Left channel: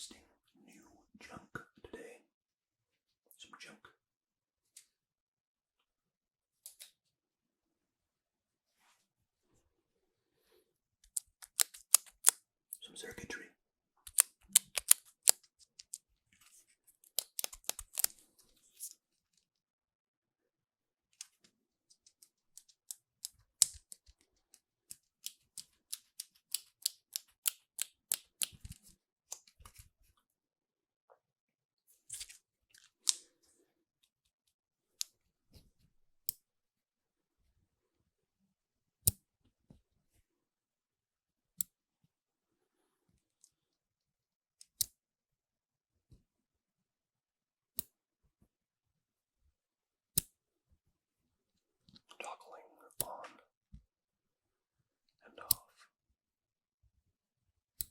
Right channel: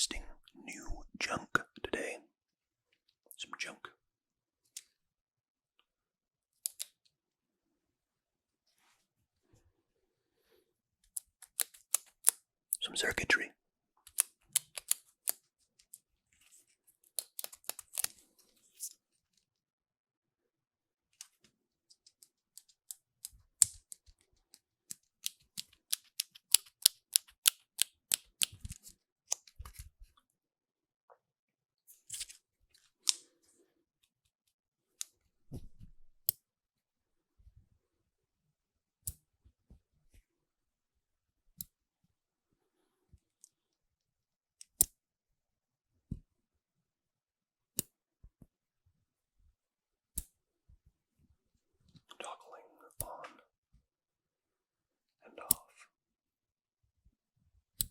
interesting new junk today. Some junk. Some circuitry. Toggling on and off.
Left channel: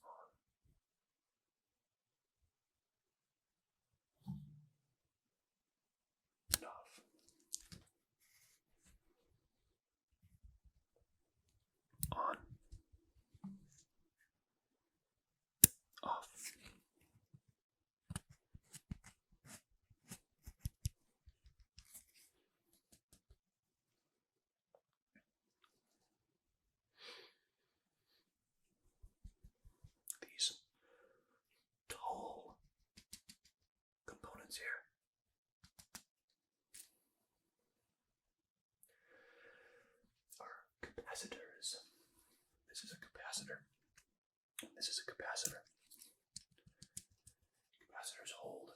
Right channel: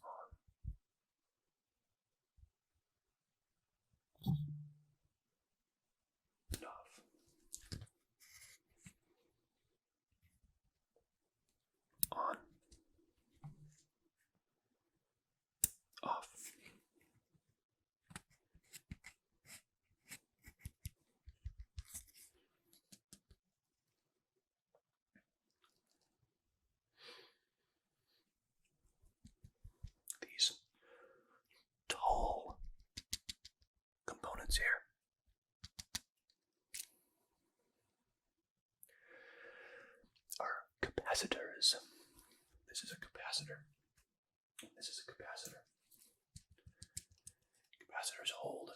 On. And off. On. Off. These tall components here are capacitors. This is a capacitor. And this is a capacitor. Capacitors hold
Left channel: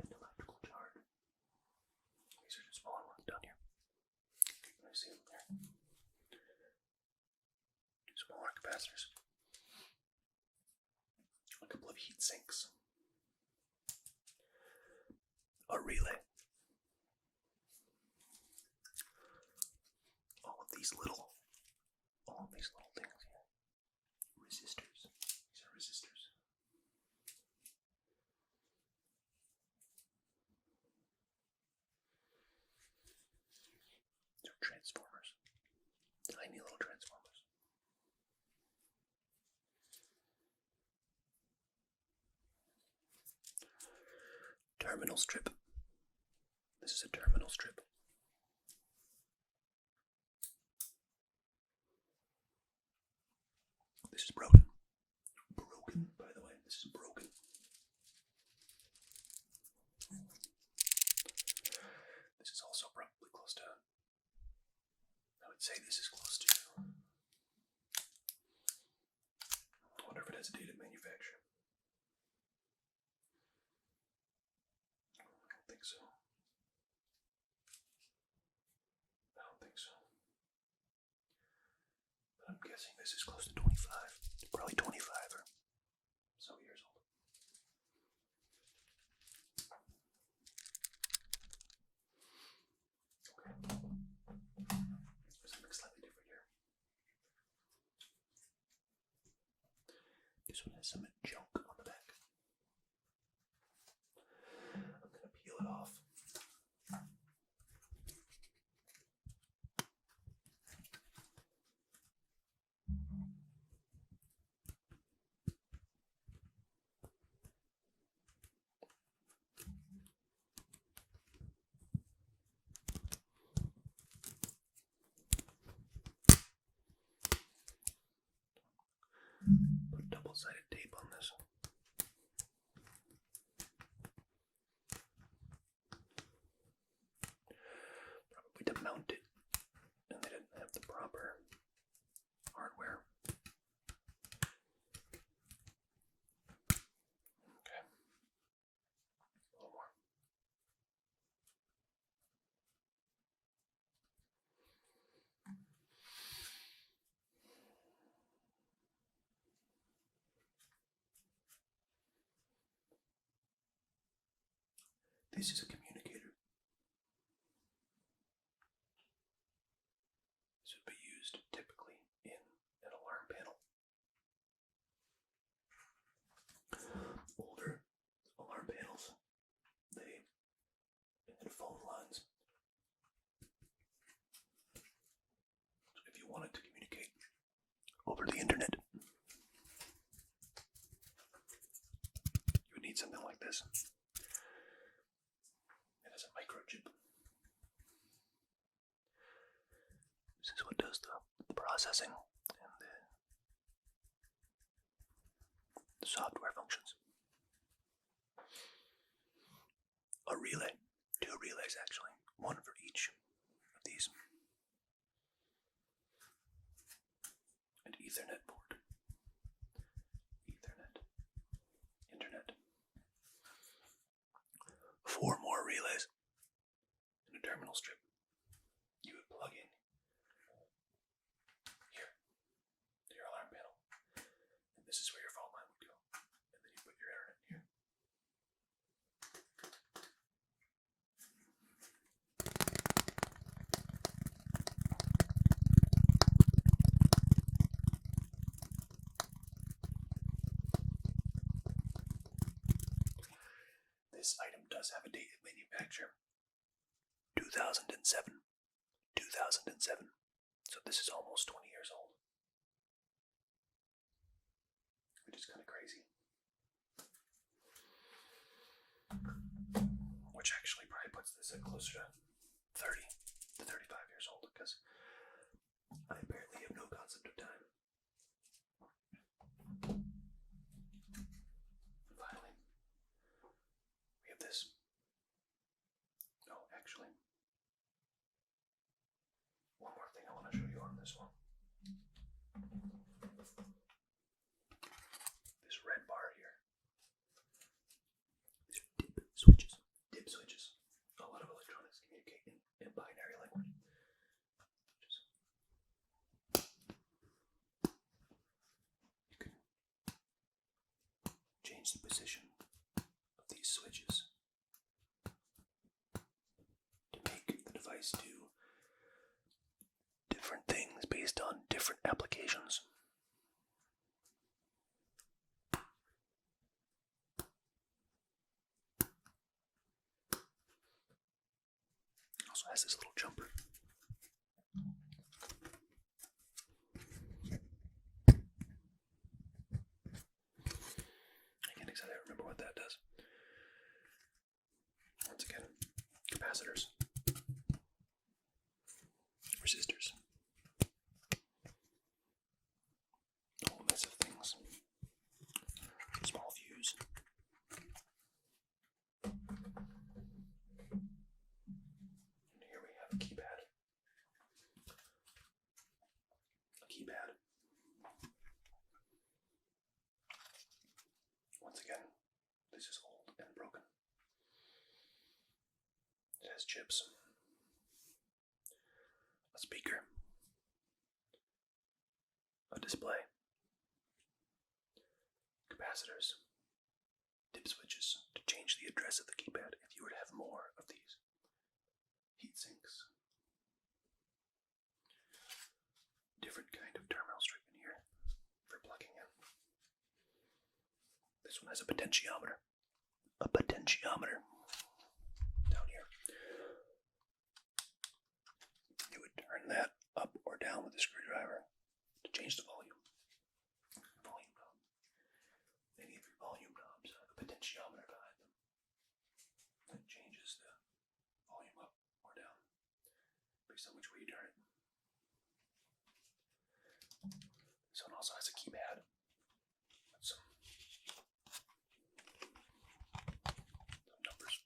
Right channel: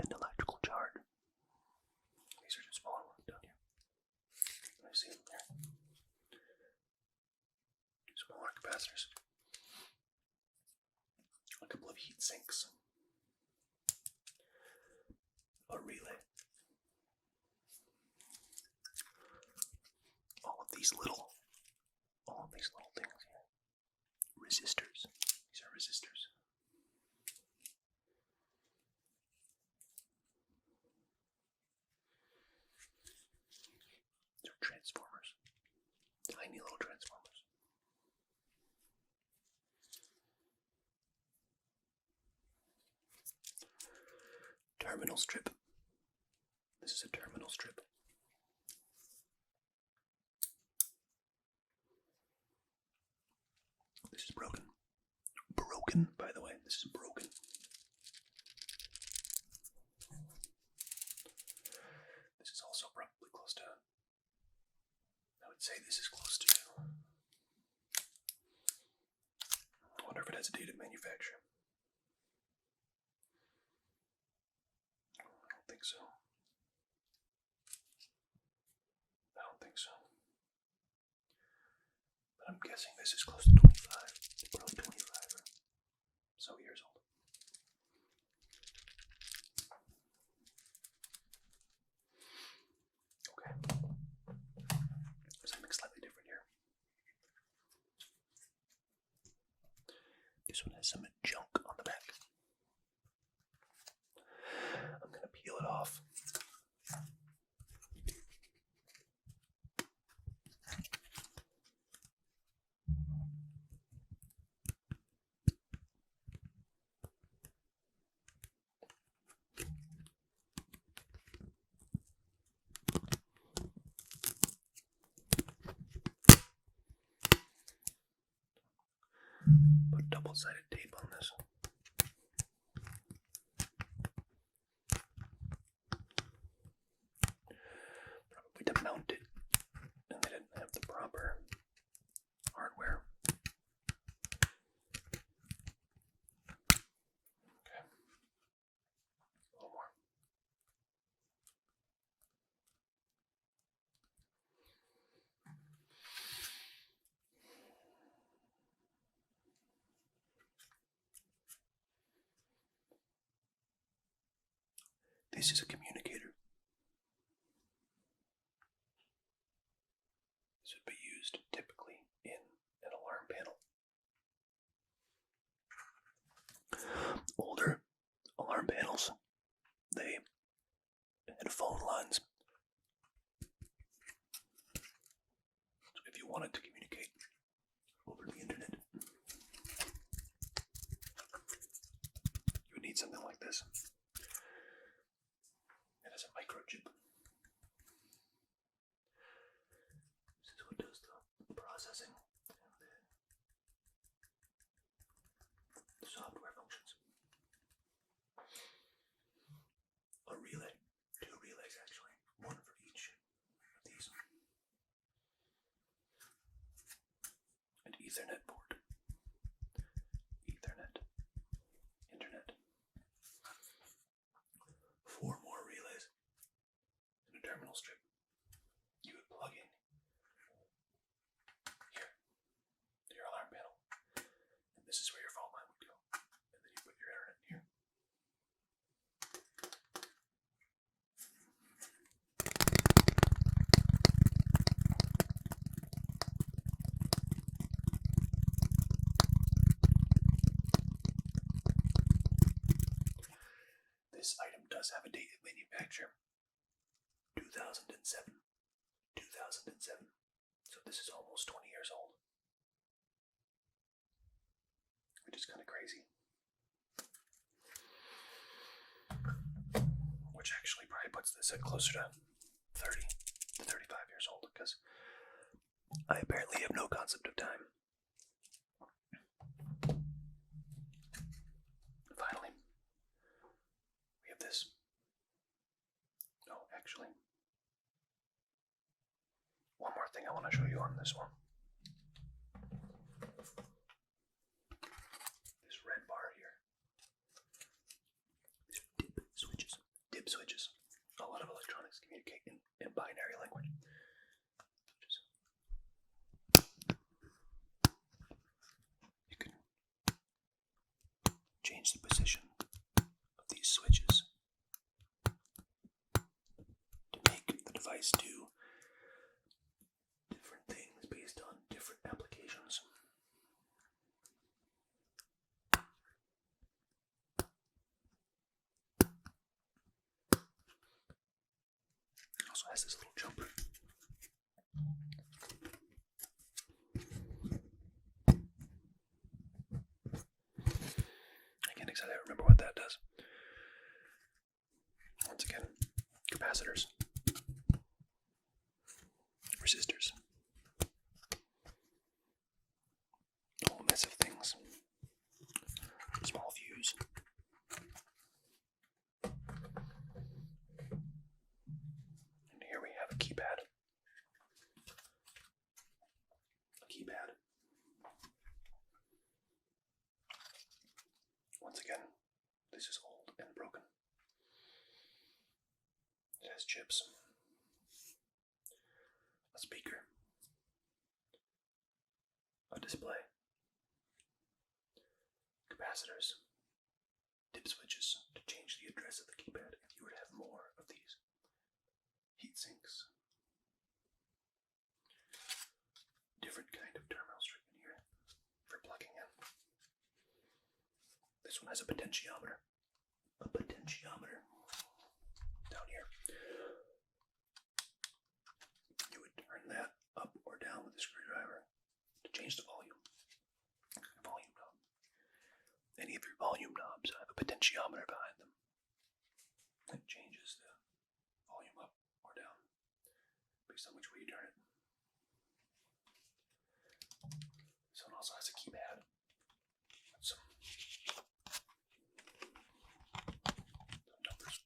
an electrical charge. These are just smaller ones down here. Can I see them there? Smaller capacitors. A couple of heat sinks. A relay. All of these little things here. Resistors. These are resistors. These are transformers. Tiny little transformers. Terminal strip. This is a terminal strip. This is broken. Broken, by the way. This is broken. This is also probably close to... I would say this is close to... I wonder if it has a date of manufacture. I don't think so. But I'm guessing this is close to 25. Probably 25 or so years old. Okay. Something slightly different here. This one has some junk on the back. I'm going to peel it off. Put double-sided tape on this. Probably to mount it, and they didn't have the proper hardware. Okay. A little more. This is a communicator. This would be used typically in an alarm panel. Older alarm panels, they had phone lines. So if you wanted to communicate over the internet, need something like this. It has a microchip. This is what does the processing and the software functions. A relay. 2 relays, actually. 1 for each of these. An Ethernet port. Ethernet. Internet. 4 more relays. And a terminal strip. You would plug in here to your alarm panel. And this is where your phone line would go. And then you put your internet here. This item does have a date of manufacture. 2007. 2007. So this is almost 20 years old. Which is kind of crazy. Which actually probably puts this at closer to 30 to 35 years old, because I apparently have no concept of time. Finally, we have this. Oh, actually, one more thing I want to show you on this one. This red bar here. These are dip switches. Dip switches. A lot of electronics communicate in binary language. You can change the position of these switches to make the device do different things based on different applications. It also has this little jumper. I can't exactly remember what that does. Once again, capacitors, resistors, a whole mess of things. Small fuse. And here we have a keypad. Once again, this is old and broken. It has chips, a speaker, a display, capacitors, dip switches to change the address of the keypad if you were to have more of these, heat sinks, different kind of terminal strip in here for plugging in. This one has a potentiometer. Down here. You would turn that up or down with a screwdriver to change the volume. Volume knob. Any of your volume knobs have a potentiometer behind them. It changes the volume up or down based on which way you turn it. This one also has a keypad with some numbers.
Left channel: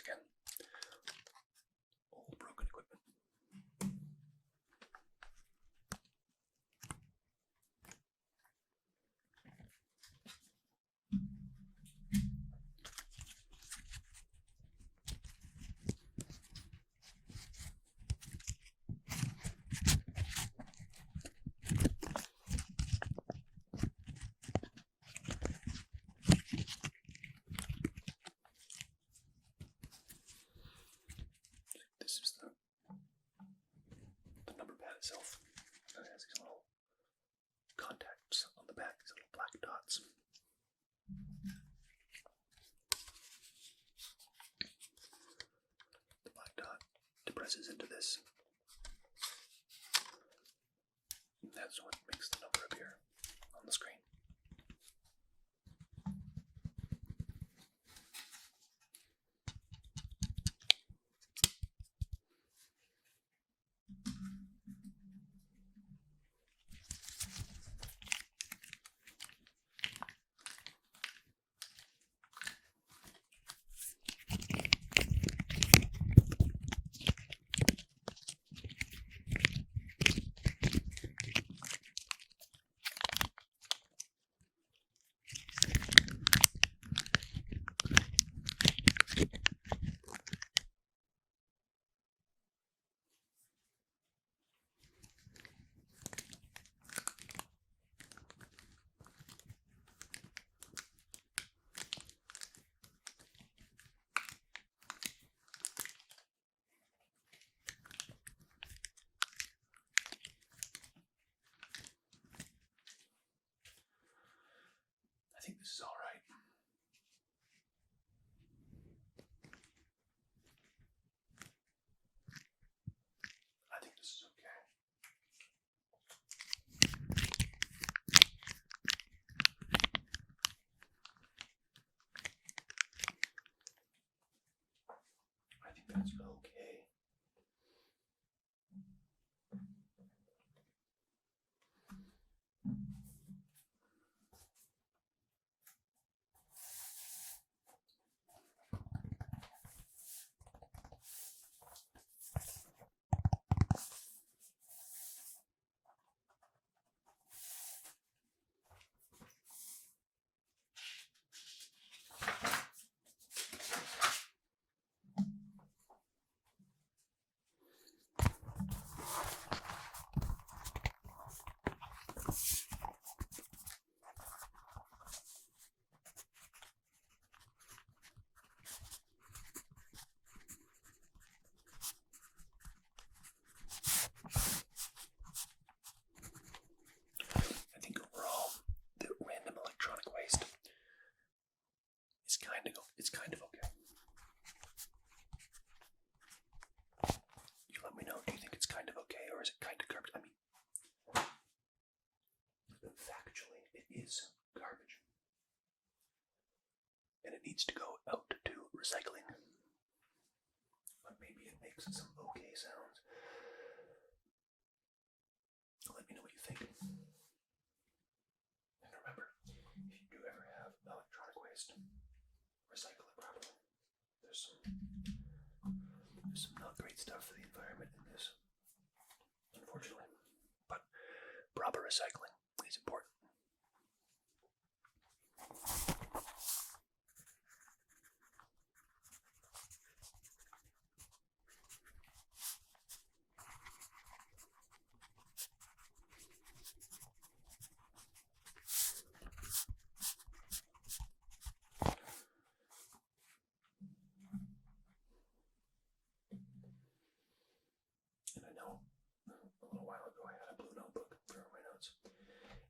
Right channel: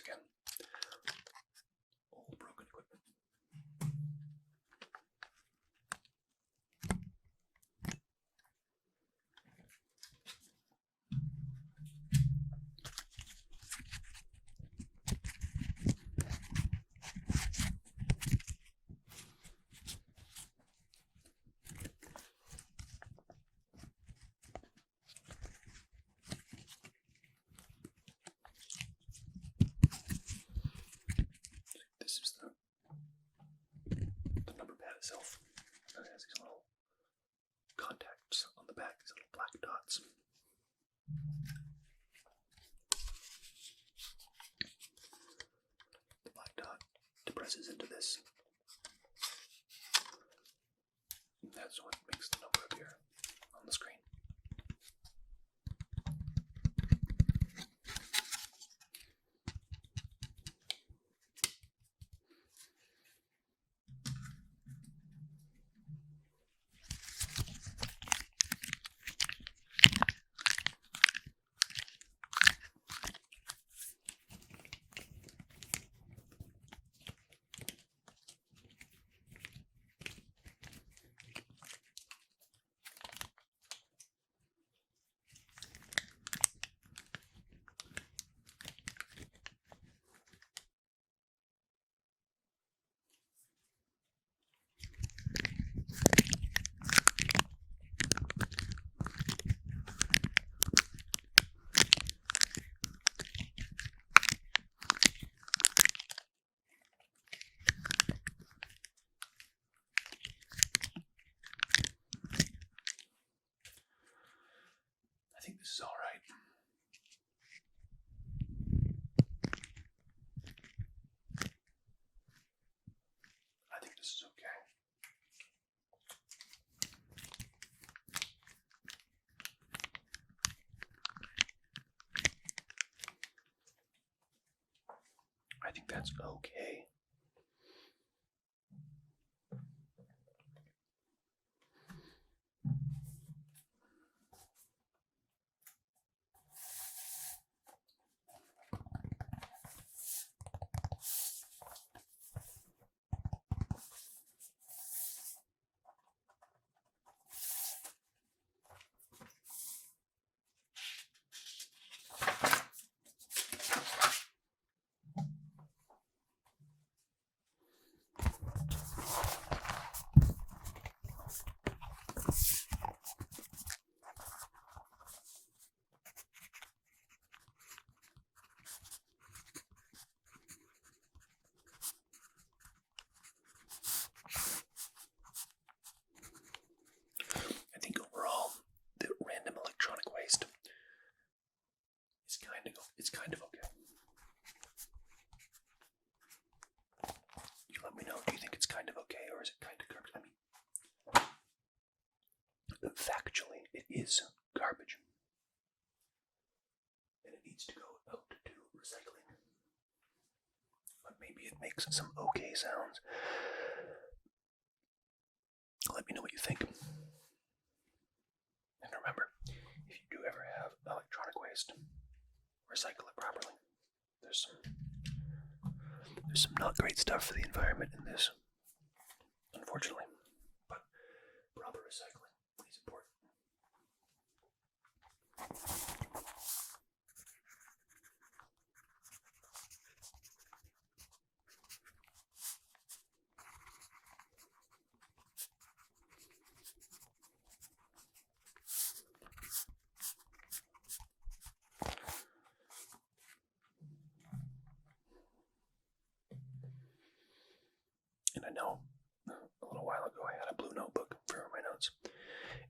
again. Old broken equipment. This is the number pad itself. And it has these little contacts on the back, these little black dots. The black dot depresses into this. And that's what makes the number appear on the screen. I think this is all right. I think this is okay. I think that's okay. I think overall, the random electronic waste is kind of okay. You let me know, do you think it's kind of okay, or is it kind of garbage? I mean, factually, it is garbage. And it needs to go out to recycling. But maybe it makes some okay sounds. Let me know what you think. And remember, if you do ever have electronic waste, recycle it properly. There's some not great stuff for the environment in this, unfortunately. But proper recycling is important. And I know a little while ago I had a blue notebook for my notes.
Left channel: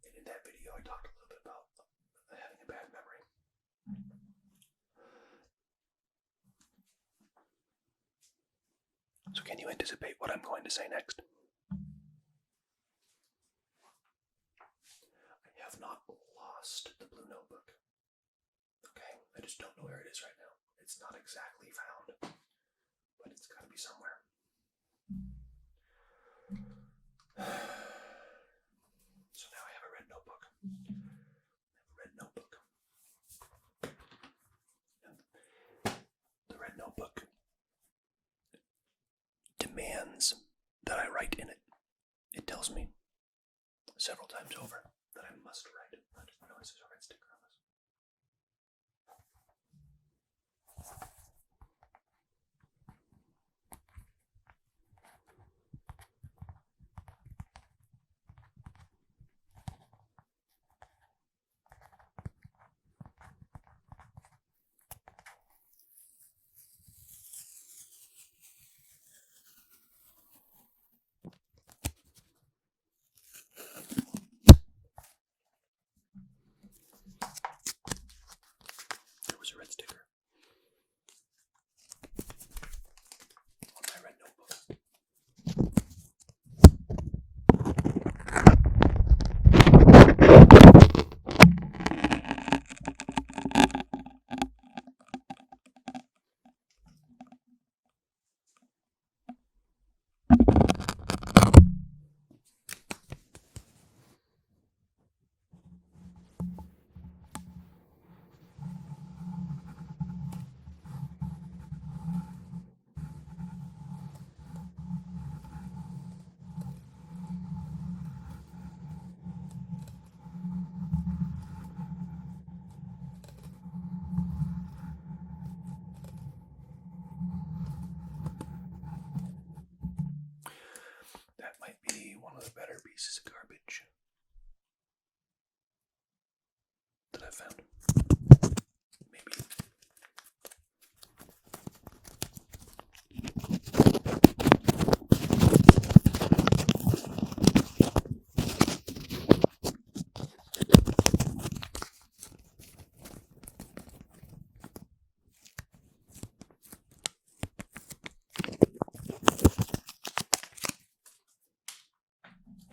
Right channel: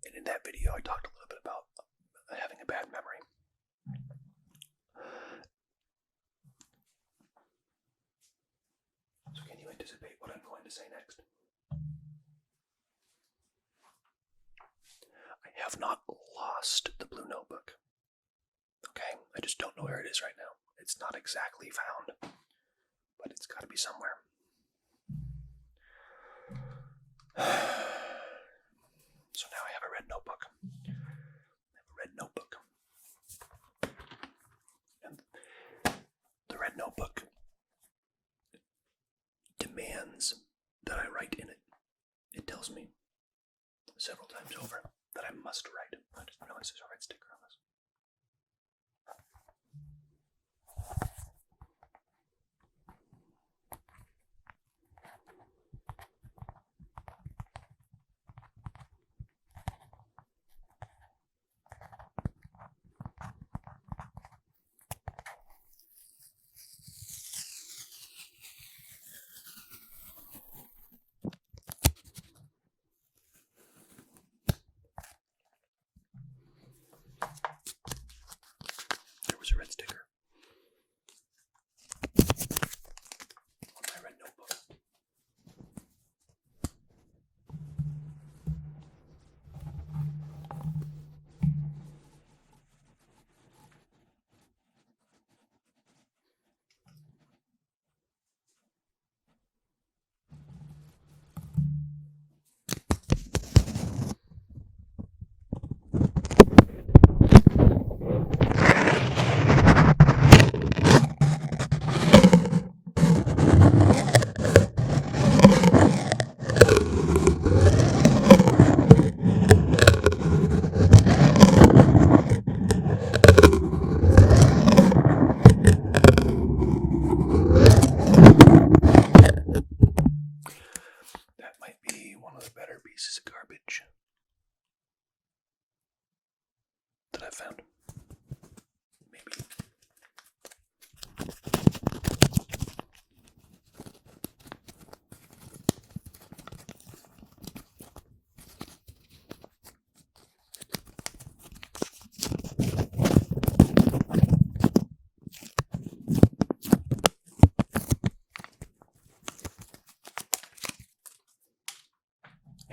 And in that video I talked a little bit about having a bad memory. So can you anticipate what I'm going to say next? I have not lost the blue notebook. Okay? I just don't know where it is right now. It's not exactly found, but it's got to be somewhere. So now I have a red notebook. And the red notebook hands that I write in it. It tells me several times over that I must write. I didn't realize there's a red sticker on this. There was a red sticker on my red notebook. That might be one of the better pieces of garbage that I've found. Maybe.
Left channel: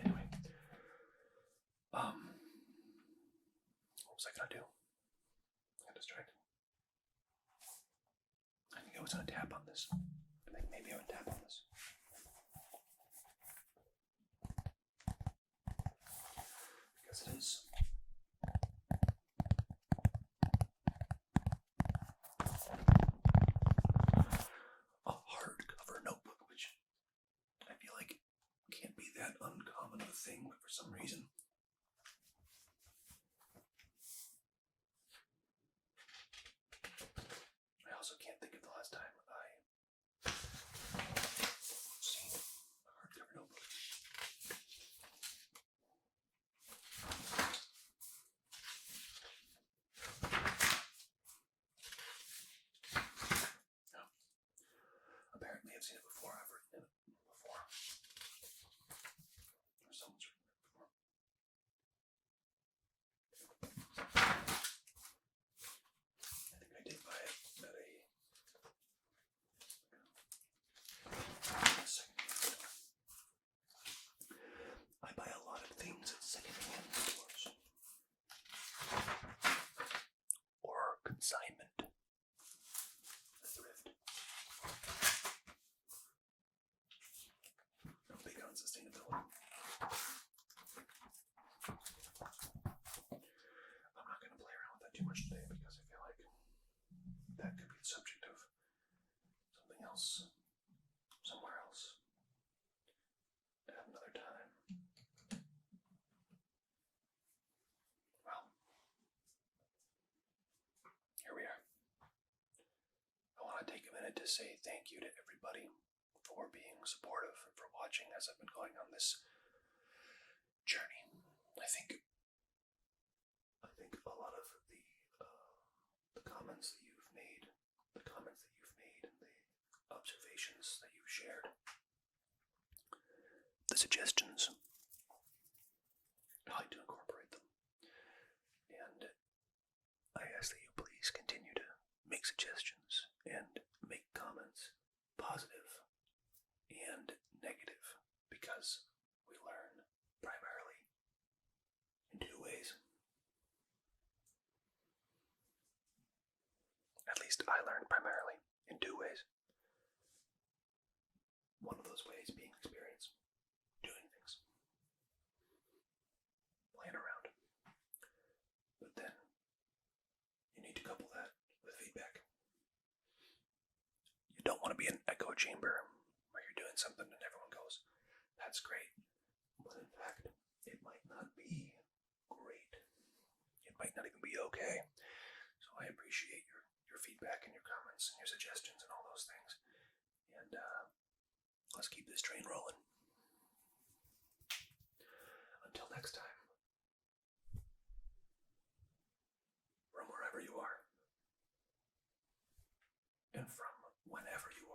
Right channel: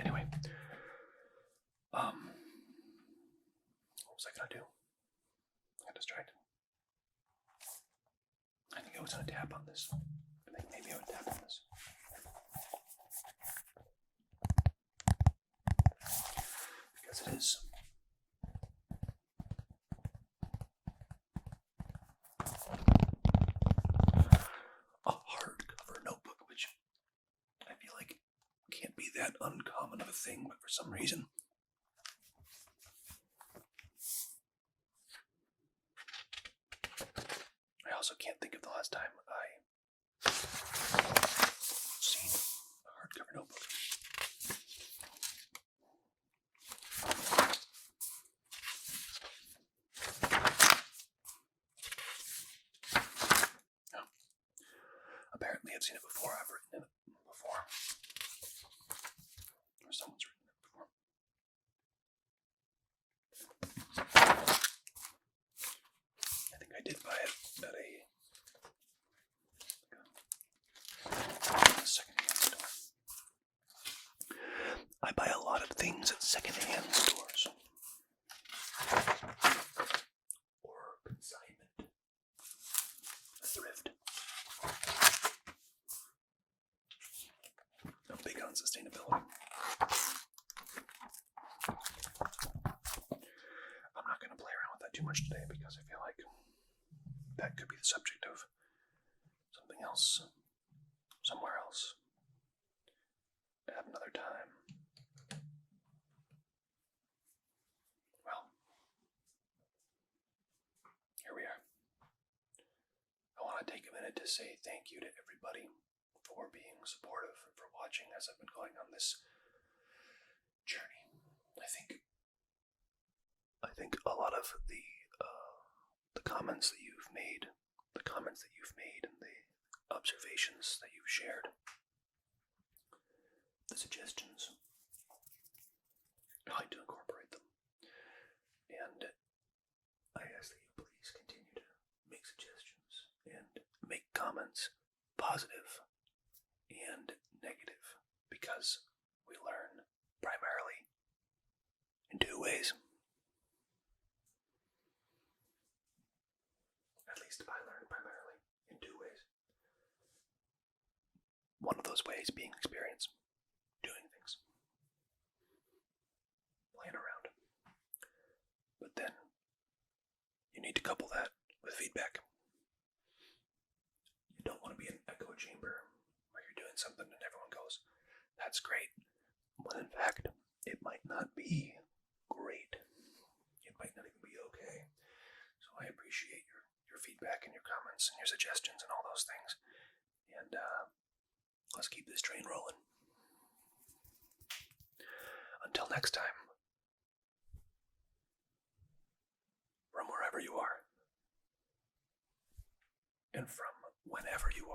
Anyway, what was I gonna do? I got distracted. I think I was gonna tap on this. I think maybe I would tap on this. Because it is a hardcover notebook, which I feel like can't be that uncommon of a thing, but for some reason I also can't think of the last time I seen a hardcover notebook. No. Apparently I've seen it before. I've written in it before. Or someone's written it before. I think I did buy it at a secondhand store. I buy a lot of things at secondhand stores. Or consignment. Thrift. I'm big on sustainability. I'm not going to play around with that too much today because I feel like that could be the subject of something else, somewhere else, at another time. Well, here we are. I want to take a minute to say thank you to everybody for being supportive and for watching as I've been going on this journey. I think a lot of the comments that you've made, and the observations that you've shared, the suggestions, I like to incorporate them. And I ask that you please continue to make suggestions and make comments, positive and negative, because we learn primarily in two ways. At least I learn primarily in two ways. One of those ways being experience, doing things, playing around. But then you need to couple that with feedback. You don't want to be in an echo chamber where you're you're doing something and everyone goes, that's great. When in fact, it might not be great. It might not even be okay. So I appreciate your feedback and your comments and your suggestions and all those things. And let's keep this train rolling. Until next time, from wherever you are, and from whenever you